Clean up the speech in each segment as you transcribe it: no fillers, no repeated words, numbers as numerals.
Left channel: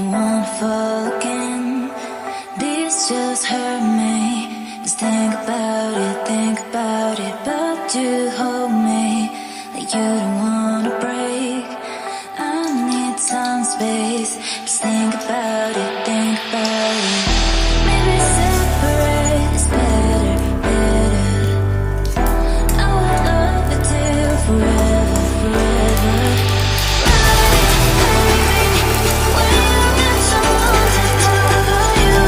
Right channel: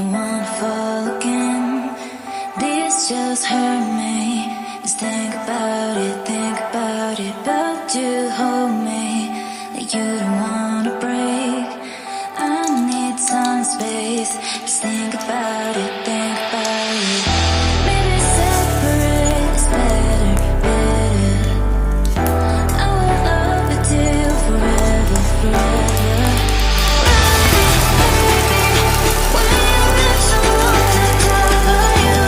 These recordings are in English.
don't wanna fall again. This just hurt me. Just think about it, but you hold me like you don't wanna break. I need some space. Just think about it, Maybe separate is better, better. I will love you till forever, forever. Ride it, baby. When you need someone to cover you,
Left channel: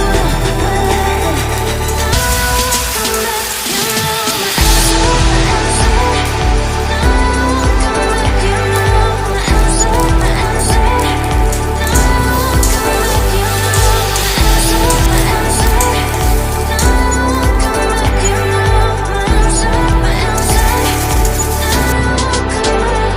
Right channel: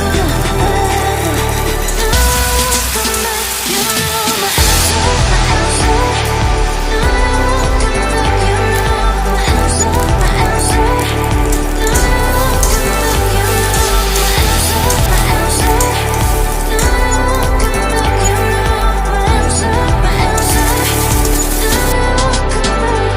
the weather. Now I won't come back. You know my answer, my answer. Now I won't come back. You know my answer, my answer. Now I won't come back. You know my answer, my answer. Now I won't come back. You know my answer, my answer. Now I won't come back.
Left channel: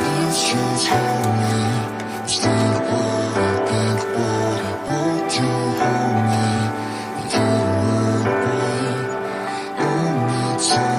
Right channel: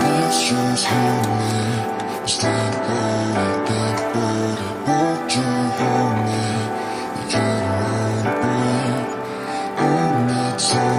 This just hurt me. Just think about it, but you hold me like you don't wanna break. I need some